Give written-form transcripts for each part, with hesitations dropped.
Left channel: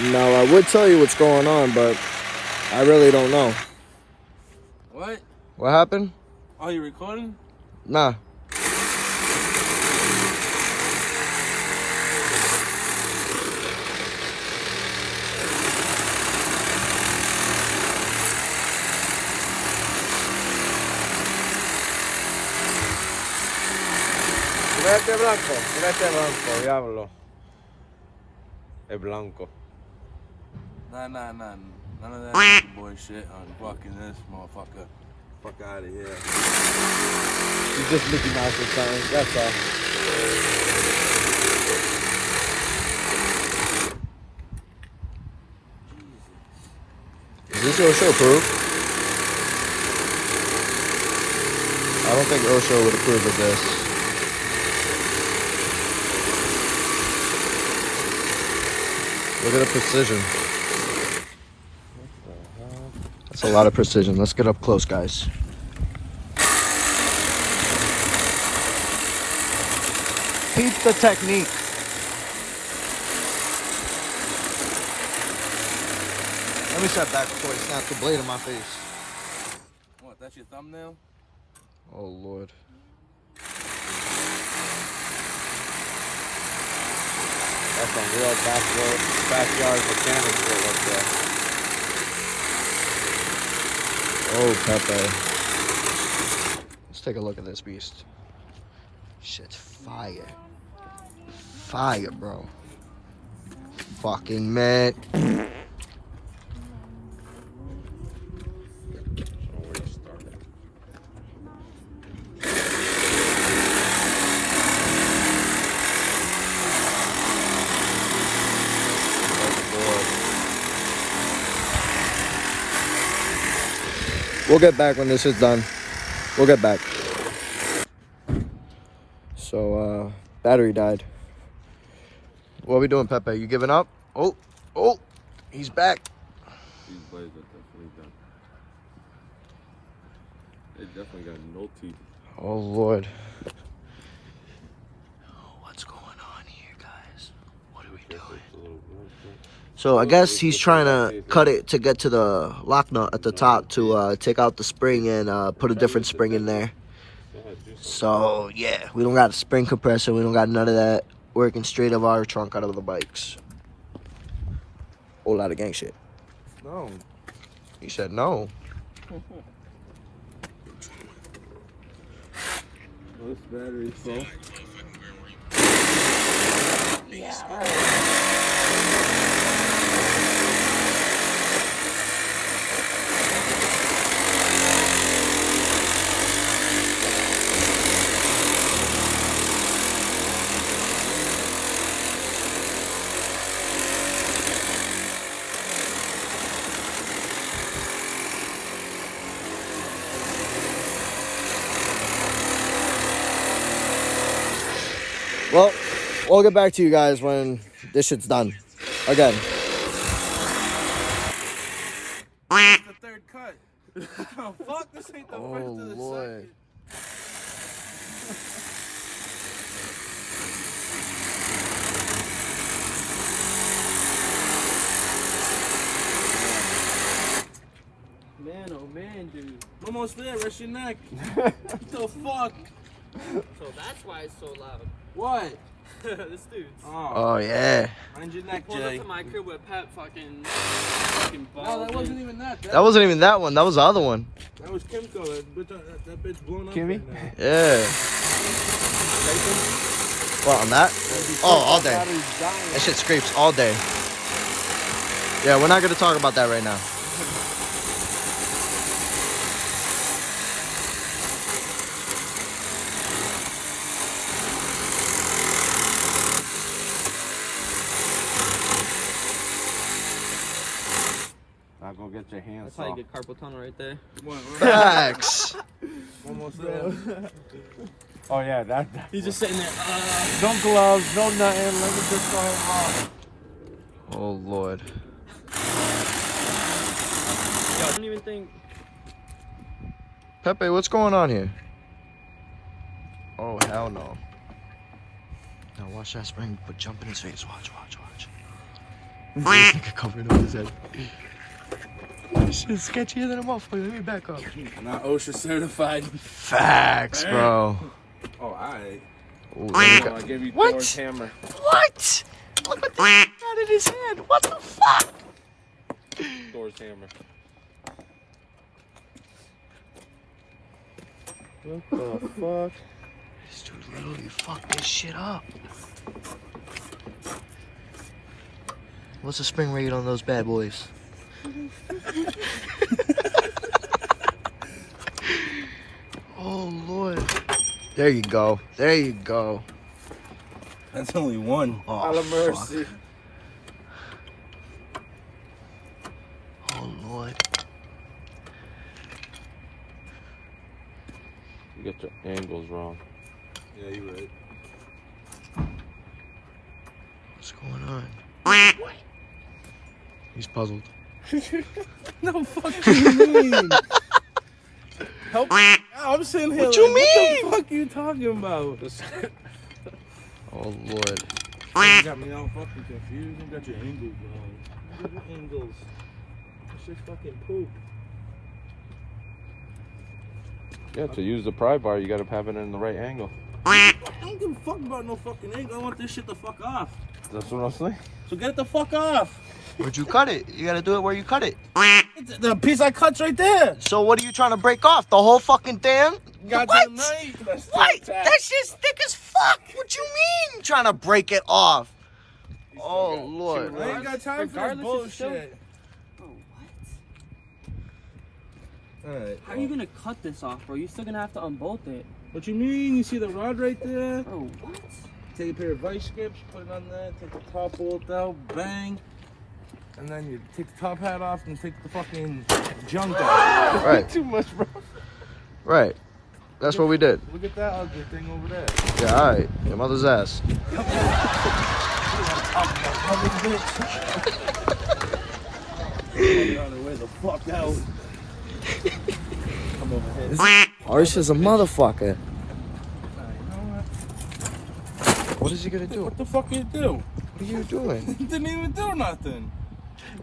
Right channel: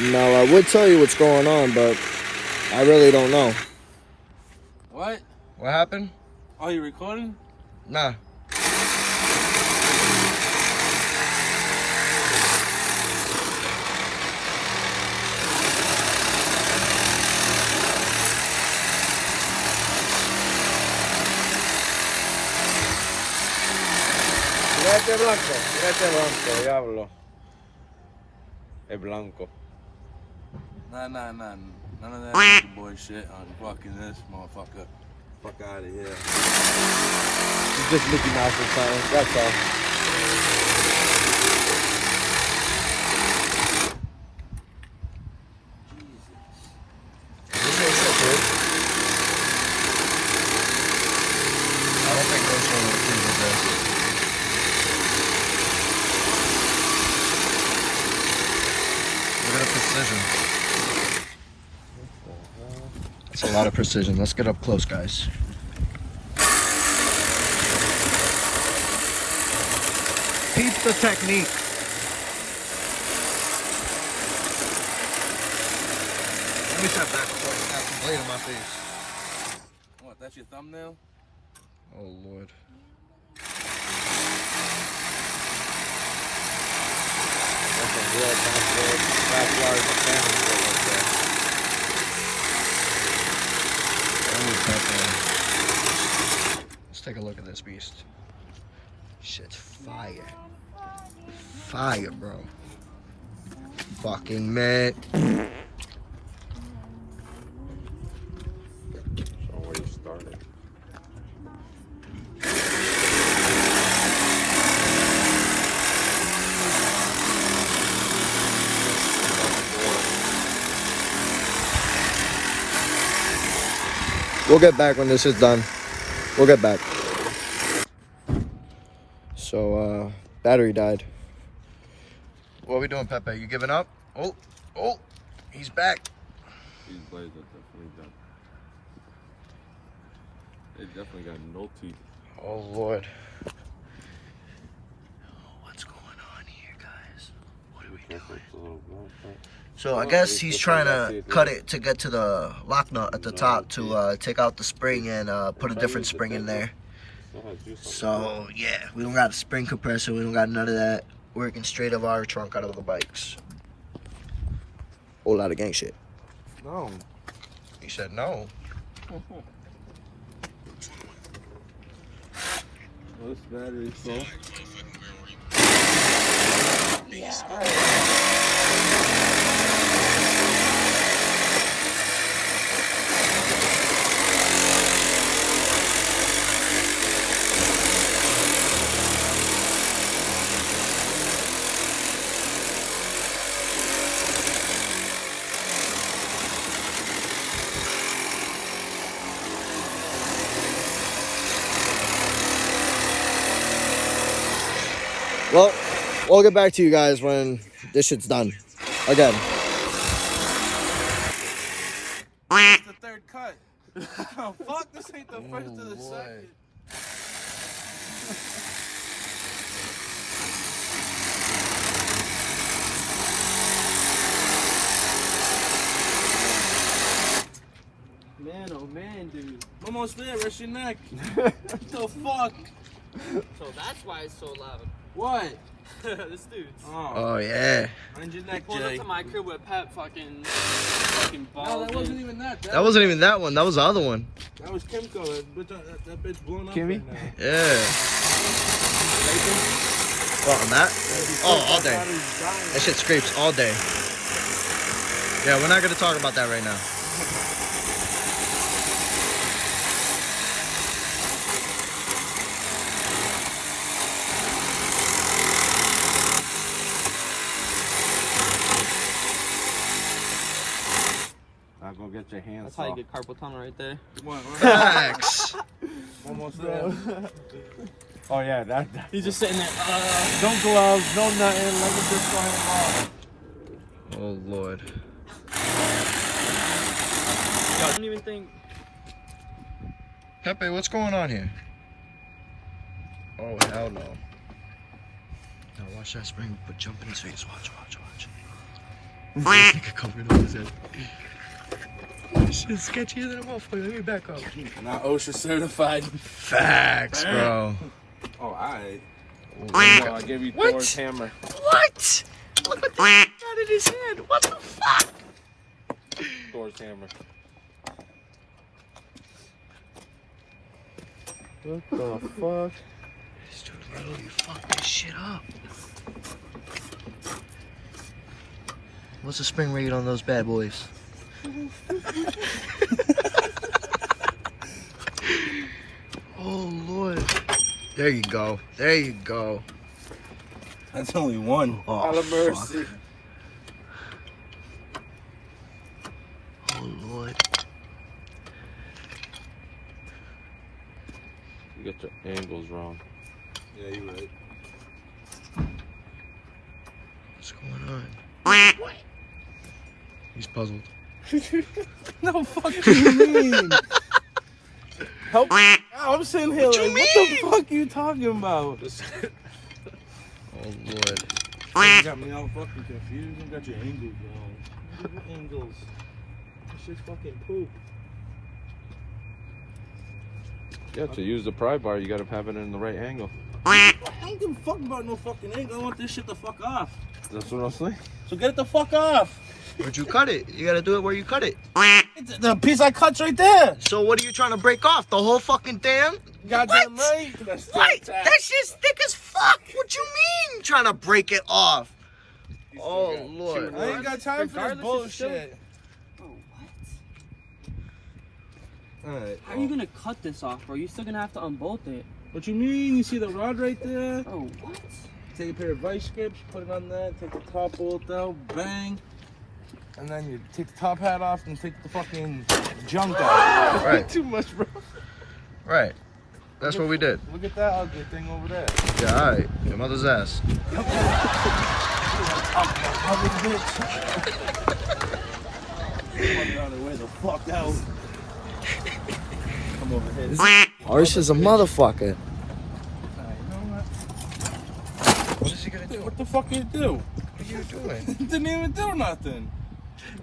Now, I would tell you what's going on, but I really don't know. What? What happened? Are you recording? Nah. Diablo. Es blanco. Nah. None of that boy shit on fucking this motherfucker. Fuck out of here. You just Mickey Mouse or something, that's all. Is this Osho too? I don't think Osho would approve of this. Look at the precision. That's a lot of precision. Let's get up close, guys. Keep the technique. Let me step back before I snap the blade in my face. What, that's your thumbnail? Oh, Lord. Oh, Pepe. Let's take a look at this beast. Shit's fire. Fire, bro. Fucking man. We'll get back when this is done. We'll get back. So, battery died. What are we doing, Pepe? You giving up? Oh, he's back. These blades are definitely done. They definitely got no teeth. Oh, Lord. What's going on here, guys? What are we doing? So I guess he's trying to cut it to get to the lock nut at the top to take out the spring and put a different spring in there. So yeah, we don't got a spring compressor. We don't got none of that. Working straight of our trunk out of the bikes. Whole lot of gang shit. No. He said no. This battery is so. Well, we'll get back to you guys when this shit's done. Again. It's the third cut. Oh, fuck, this ain't the first or the Lord. second. Man, oh man, dude. Almost there, rest your neck. What the fuck? So that's why it's so loud. What? This dude's. Oh yeah. Mind your neck, Pulled Jay. up to my crib with Pep fucking Oh, balls. that wasn't even that. That wasn't even that one. That was the other one. That was Kimco. That bitch blown up Kimmy? right now. Yeah. What, on that? Oh, all day. That shit scrapes all day. Yeah, we're not going to talk about that right now. Now go get your hands That's how you get carpal tunnel right there. Facts. Almost there. Oh yeah, that. He's just sitting there. No gloves, no nothing. Let me just go out. Oh, Lord. I don't even think. Pepe, what's going on here? Oh, hell no. Now watch that spring, but jump in his face. Watch. Covered up his head. This shit's sketchier than a motherfucker. Let me back up. Not OSHA certified. Facts, bro. Oh, alright. Ooh, I give you What? Thor's hammer. what? Look at this out of his head. What the fuck? Thor's hammer. What the fuck? This dude literally fucked this shit up. What's the spring rate on those bad boys? Oh, Lord. There you go. There you go. That's only one. Oh, Out of fuck. mercy. Oh, Lord. You get the angles wrong. Yeah, you right. What's going on? He's puzzled. No, fuck you mean? Help. I'm sitting here What like, you mean? What the fuck you talking about? Oh, Lord. You got me all fucking confused. You got your angles wrong. What angles? That shit's fucking poop. Yeah, to use the pry bar, you gotta have it in the right angle. I don't give a fuck about no fucking angle. I want this shit to fuck off. That's what I'm saying. So get it the fuck off. Where'd you cut it? You gotta do it where you cut it. The piece I cut's right there. So what are you trying to break off? The whole fucking thing? Goddamn What? right. That's What? tight. That shit's thick as fuck. What you mean? Trying to break it off? Oh, Lord. I ain't got time for this bullshit. Oh, what? Alright. How are you gonna cut this off, bro? You're still gonna have to unbolt it. What you mean? You see the rod right there? Oh, what? Take a pair of vice grips, put it on there, take the top bolt out, bang. And then you take the top hat off and take the fucking junk out. Right. Too much, bro. Right. That's what we did. Look at that ugly thing over there. Yeah, all right. Your mother's ass. Way the fuck out. Come over here. Arse is a motherfucker. Alright, you know what? What is he gonna do? What the fuck you do? What are you doing? It didn't even do nothing.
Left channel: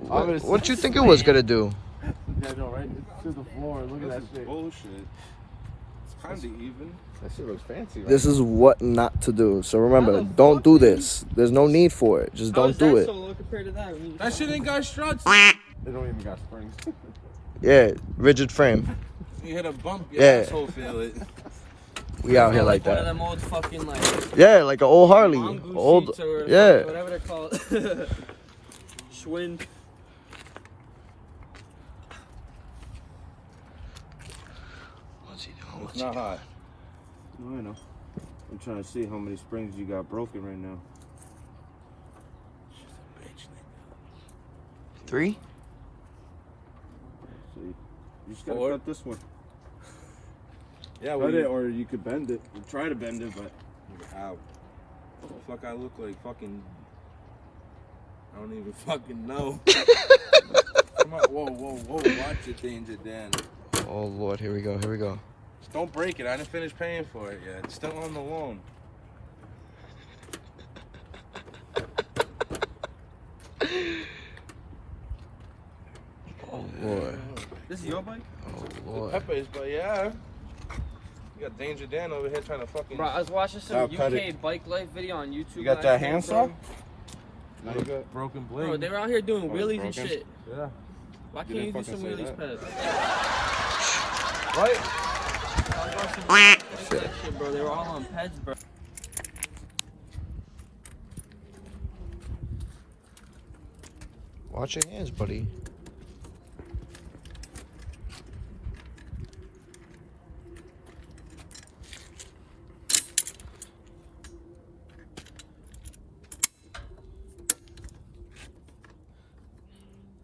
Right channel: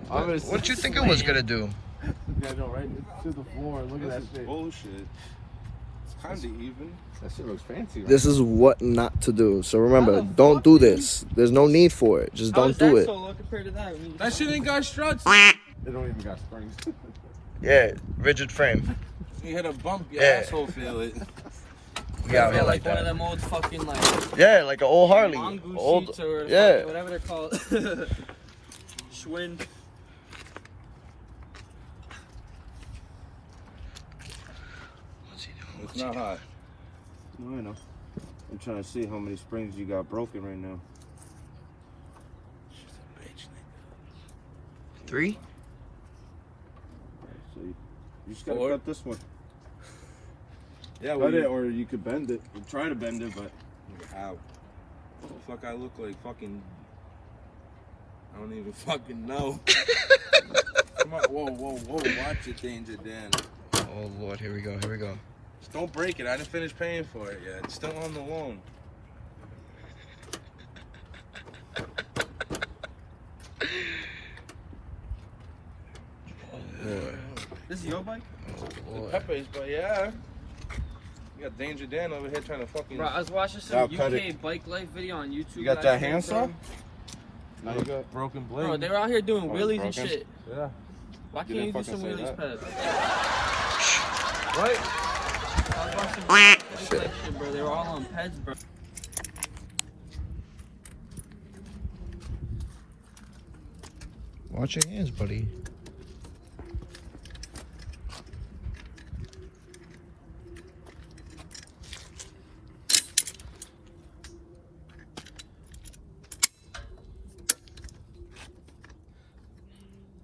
What you think it was gonna do? Yeah, go right to the floor. Look at that shit. Bullshit. It's kind of even. That shit looks fancy. This is what not to do. So remember, don't do this. There's no need for it. Just don't do it. Compared to that, That shit ain't got struts. They don't even got springs. Yeah, rigid frame. You hit a bump, your Yeah. asshole feel it. We out here like one of that. them old fucking like Yeah, like an old Harley. mongoose Old, sheets or yeah. fucking whatever they're called. Schwinn. What's he doing? It's not hot. No, I know. I'm trying to see how many springs you got broken right now. 3? So you just gotta 4. cut this one. Yeah, Cut it, or you could bend it. You try to bend it, but How? What the fuck I look like? Fucking. I don't even fucking know. Come on, whoa. Watch it, Danger Dan. Oh Lord, here we go. Here we go. Just don't break it. I didn't finish paying for it yet. It's still on the loan. Oh Lord. This is your bike? Oh Lord. Pepe's, but yeah. You got Danger Dan over here trying to fucking. Bro, I was watching I'll some cut UK bike life video on YouTube. you got last that night, handsaw? bro. Now you got. Broken blade. Bro, they were out here doing Oh, wheelies broken? and shit. Yeah. Why You can't you didn't do some fucking say wheelies, that. Pez? Right? Shit, bro, they were all on Pez, bro. Watch your hands, buddy.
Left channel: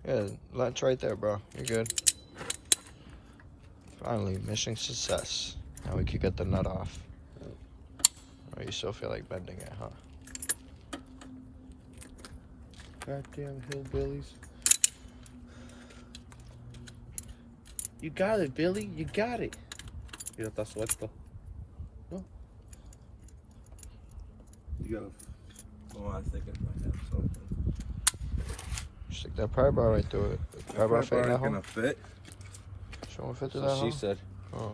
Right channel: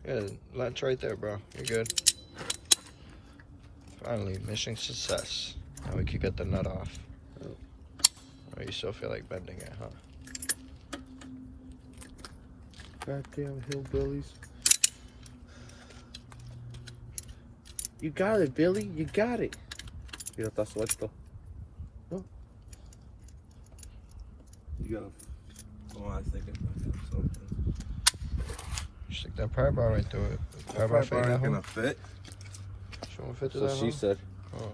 Yeah, that's right there, bro. You're good. Finally, mission success. Now we could get the nut off. Oh, you still feel like bending it, huh? Goddamn hillbillies. You got it, Billy. You got it. Ya está suelto. You gotta. Oh, I think I might have something. Stick that pry bar right through it. Pry bar Probably fit in that ain't hole? gonna fit. She won't fit through So that she hole? said. Oh.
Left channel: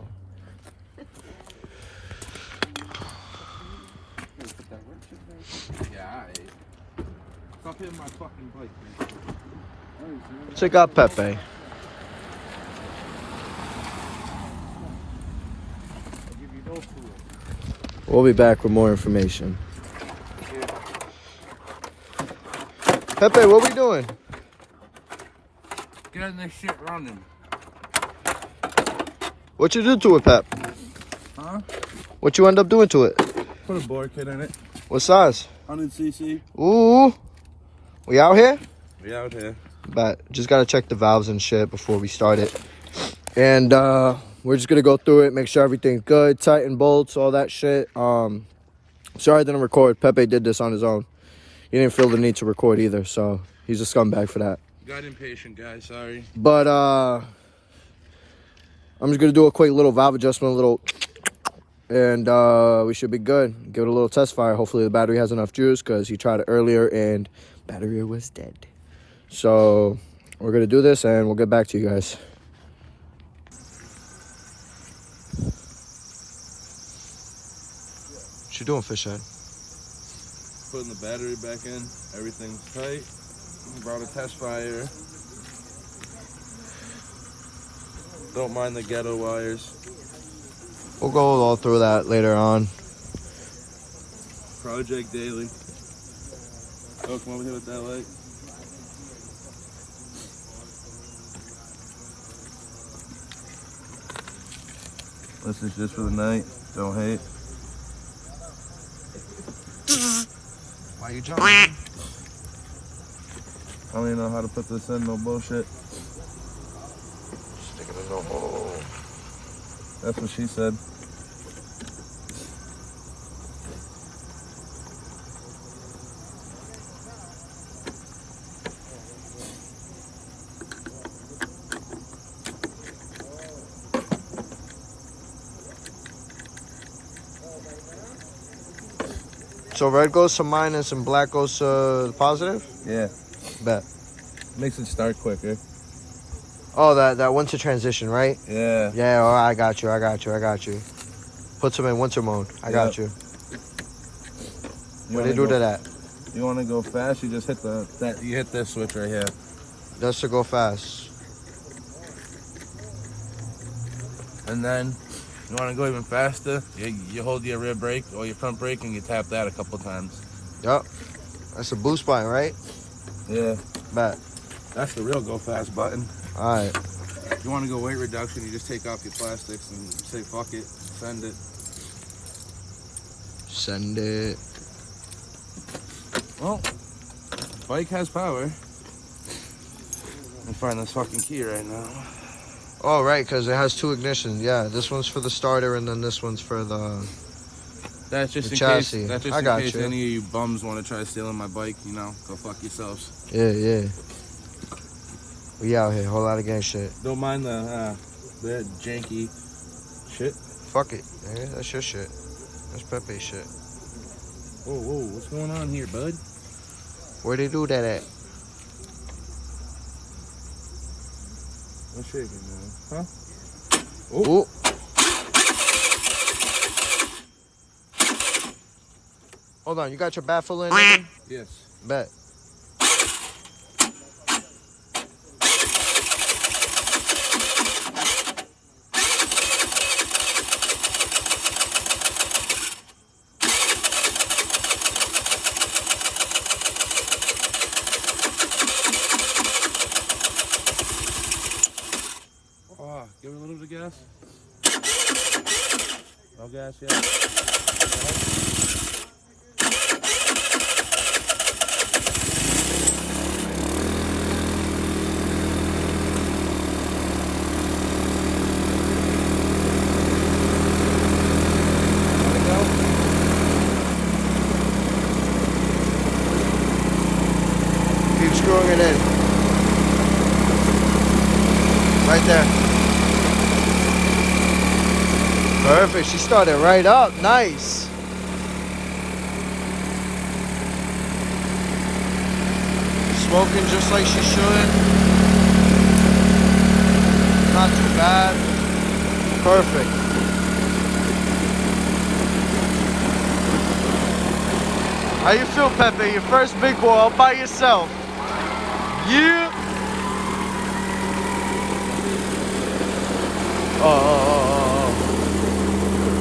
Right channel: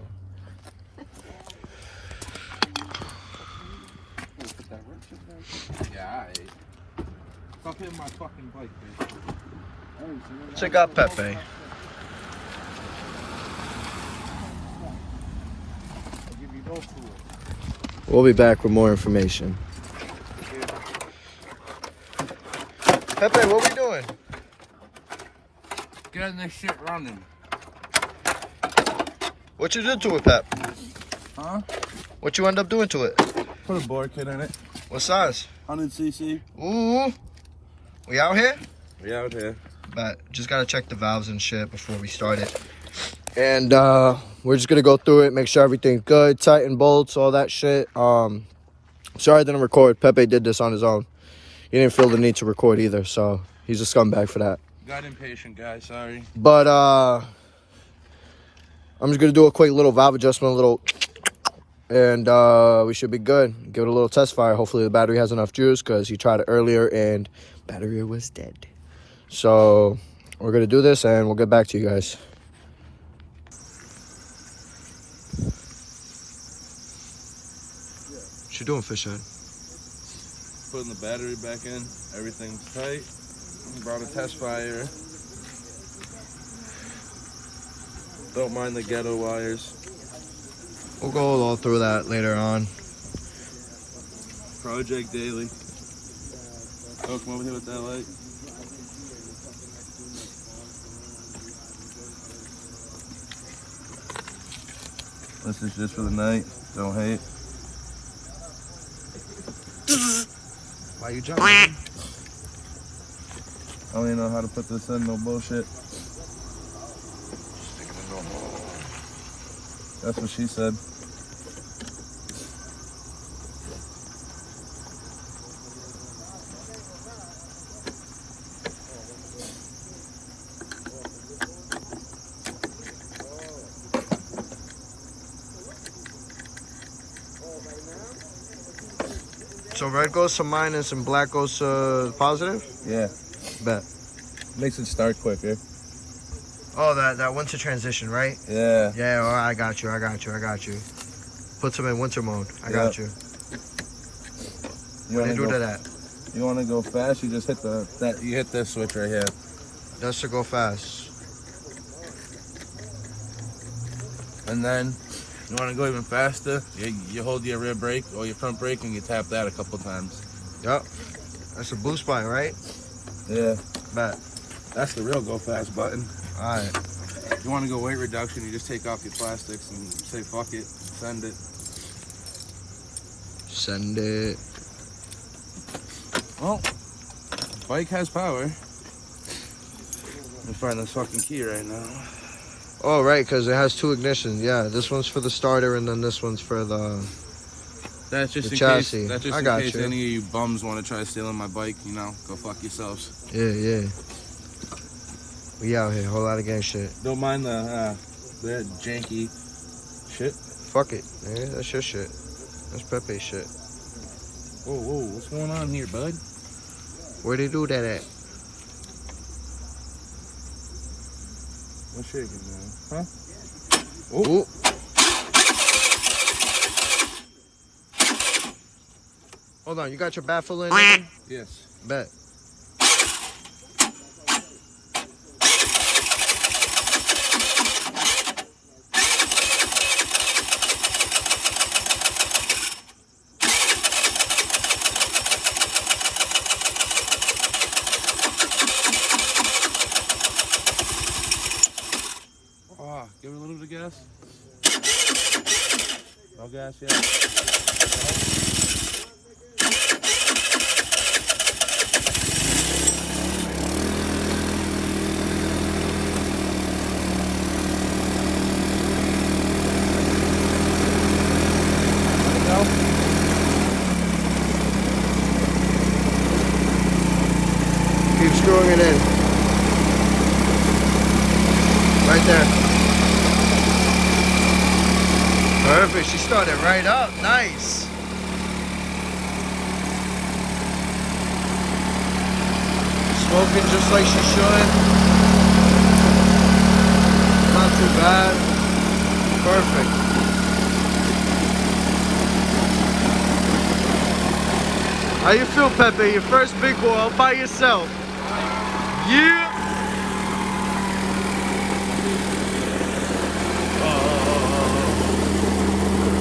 Yeah, alright. Stop hitting my fucking bike, man. Check out Pepe. I'll give you no tool. We'll be back with more information. Pepe, what we doing? Getting this shit running. What you do to it, Pep? Huh? What you end up doing to it? Put a board kit in it. What size? 100cc. Ooh. We out here? We out here. But just gotta check the valves and shit before we start it. And we're just gonna go through it, make sure everything's good, tighten bolts, all that shit. Sorry I didn't record. Pepe did this on his own. He didn't feel the need to record either, so he's a scumbag for that. Got impatient, guys. Sorry. But I'm just gonna do a quick little valve adjustment, and we should be good. Give it a little test fire. Hopefully the battery has enough juice because he tried it earlier and battery was dead. So we're gonna do this and we'll get back to you guys. What you doing, Fishhead? Putting the battery back in. Everything's tight. Brought a test fire. Don't mind the ghetto wires. We'll go all through that later on. Project Daily. Oh, come over here with that light. This is just for the night. Don't hate. Why you jumping? I don't even know how to put this in, no bullshit. Stick it in the hole. That's what she said. So red goes to minus and black goes to positive? Yeah. Bet. Makes it start quicker. Oh, that winter transition, right? Yeah. Yeah, all right, I got you. Puts them in winter mode. I got you. What do you do to that? You want to go fast? You just hit you hit this switch right here. That's to go fast. And then you want to go even faster? You hold your rear brake or your front brake and you tap that a couple times. Yep. That's a boost button, right? Yeah. Bet. That's the real go fast button. All right. If you want to go weight reduction, you just take off your plastics and say fuck it, send it. Send it. Well, bike has power. Let me find this fucking key right now. Oh, right, because it has two ignitions. Yeah, this one's for the starter and then this one's for the... That's just The in chassis. case. That's just I in got case you. any bums want to try stealing my bike. You know, go fuck yourselves. Yeah. We out here. Whole lot of gang shit. Don't mind the janky shit. Fuck it. Yeah, that's your shit. That's Pepe's shit. Whoa, what's going on here, bud? Where they do that at? What's shaking now? Huh? Oh. Hold on, you got your baffle in? Nigga? Yes. Bet. Oh, give it a little bit of gas. No gas yet. Keep screwing it in. Right there. Perfect. She started right up. Nice. Smoking just like she should. Not too bad. Perfect. How you feel, Pepe? Your first big boy all by yourself. Yeah.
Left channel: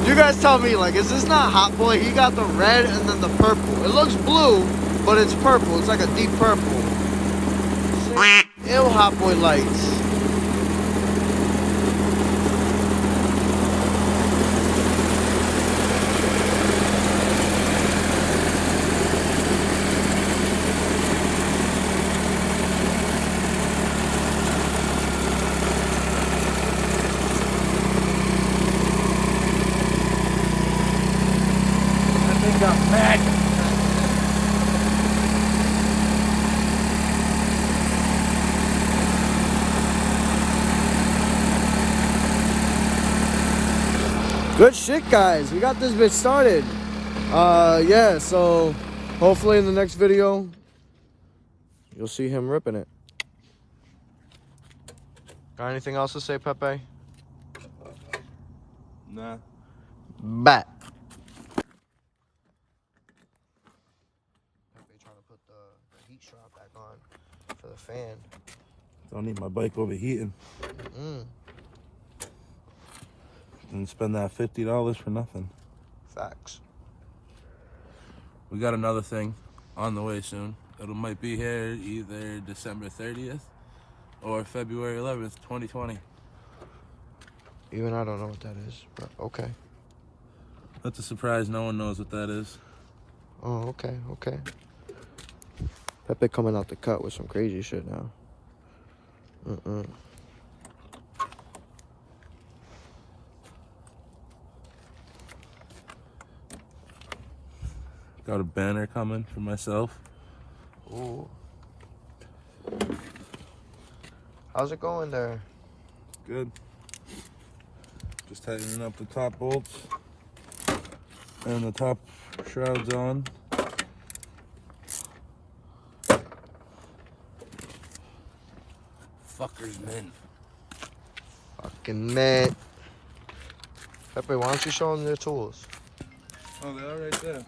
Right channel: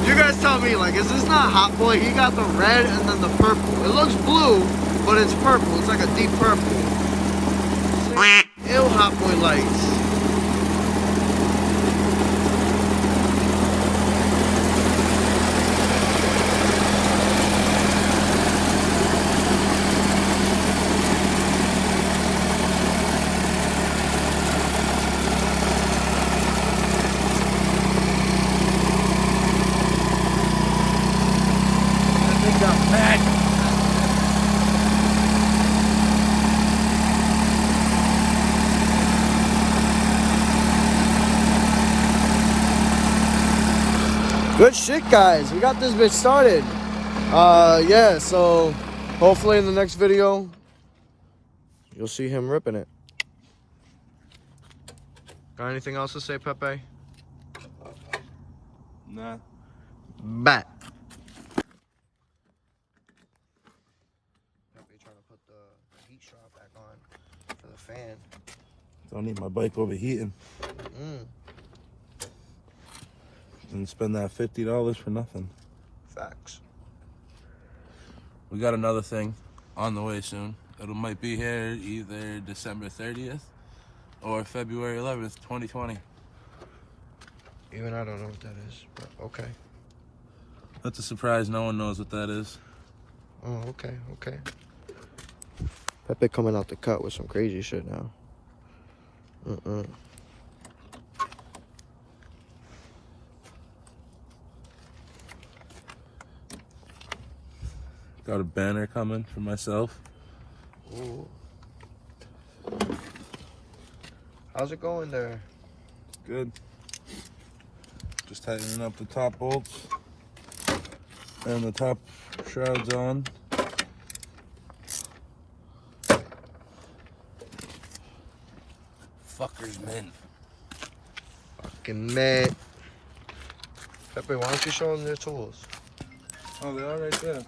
You guys tell me, like, is this not Hot Boy? He got the red and then the purple. It looks blue, but it's purple. It's like a deep purple. Ew, Hot Boy lights. Good shit, guys. We got this bitch started. Yeah, so hopefully in the next video, you'll see him ripping it. Got anything else to say, Pepe? Nah. Bat. Pepe trying to put the heat strap back on for the fan. Don't need my bike overheating. And spend that $50 for nothing. Facts. We got another thing on the way soon. It might be here either December 30th or February 11th, 2020. Even I don't know what that is, but okay. That's a surprise. No one knows what that is. Oh, okay, okay. Pepe coming out the cut with some crazy shit now. Got a banner coming for myself. Ooh. How's it going there? Good. Just tightening up the top bolts and the top shrouds on. Fuckers, man. Fucking man. Pepe, why don't you show them your tools? Oh, they are right there.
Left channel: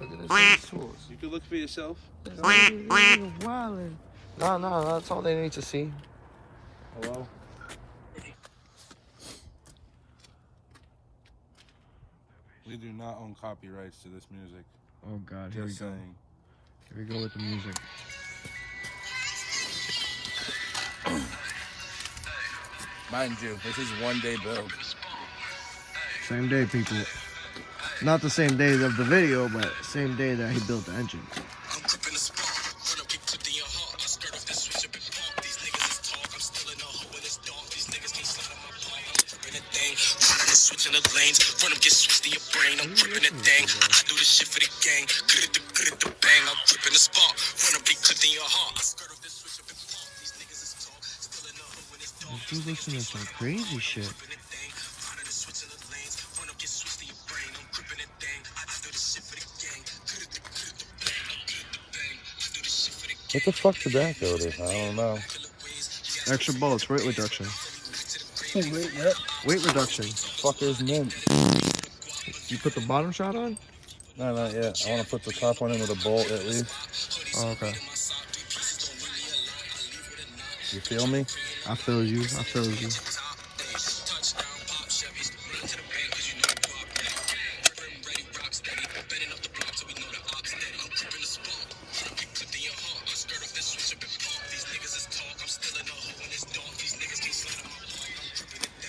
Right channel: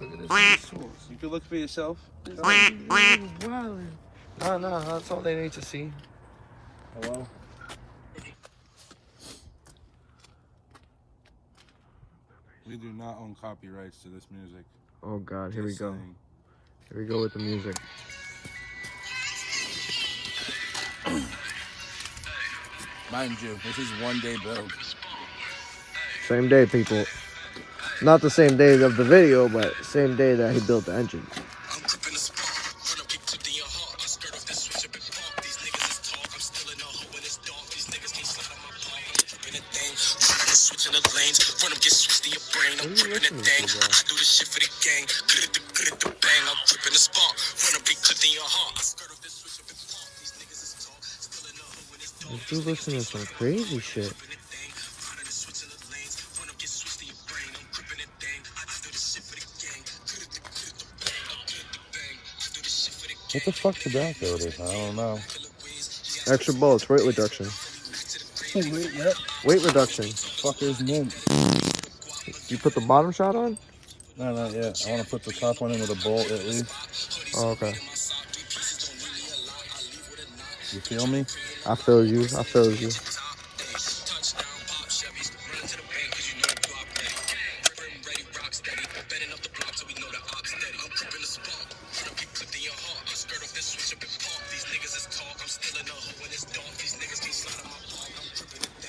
Look at this tools. You can look for yourself. No, that's all they need to see. Hello? We do not own copyrights to this music. Oh God, here we Just go. saying. Here we go with the music. Mind you, this is one day build. Same day, people. Not the same day of the video, but same day that he built the engine. Switching the lanes, run up, get switched in your brain. I'm gripping the thing. I do this shit for the gang. Good at the bang. I'm gripping the spot. Run up, get clipped in your heart. I skirt off this switch up and pop. These niggas is talk. Still in the hood when it's dark. This dude listen to some crazy shit. What the fuck did that go to? I don't know. Extra bullets, weight reduction. Wait, what? Weight reduction. Fuckers mint. You put the bottom shot on? No, not yet. I want to put the top one in with a bolt at least. Oh, okay. You feel me? I feel you. I feel you.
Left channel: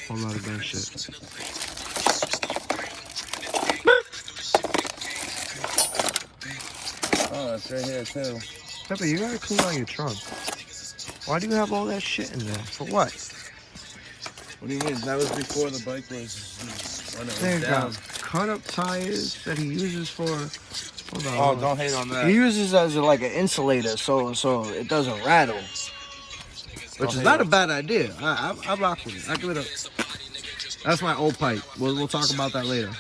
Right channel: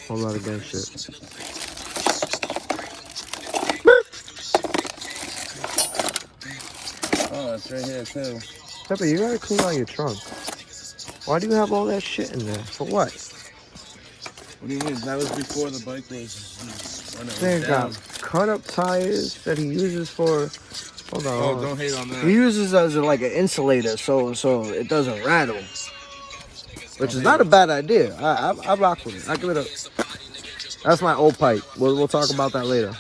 Whole lot of gang shit. Oh, it's right here too. Pepe, you gotta clean out your trunk. Why do you have all that shit in there? For what? What do you mean? That was before the bike was when it was They down. got cut up tires that he uses for. Hold on. Oh, hold on. don't hate on that. He uses as like an insulator, so it doesn't rattle. Which is not a bad idea. I rock with it. I give it a. That's my old pipe. We'll talk about that later.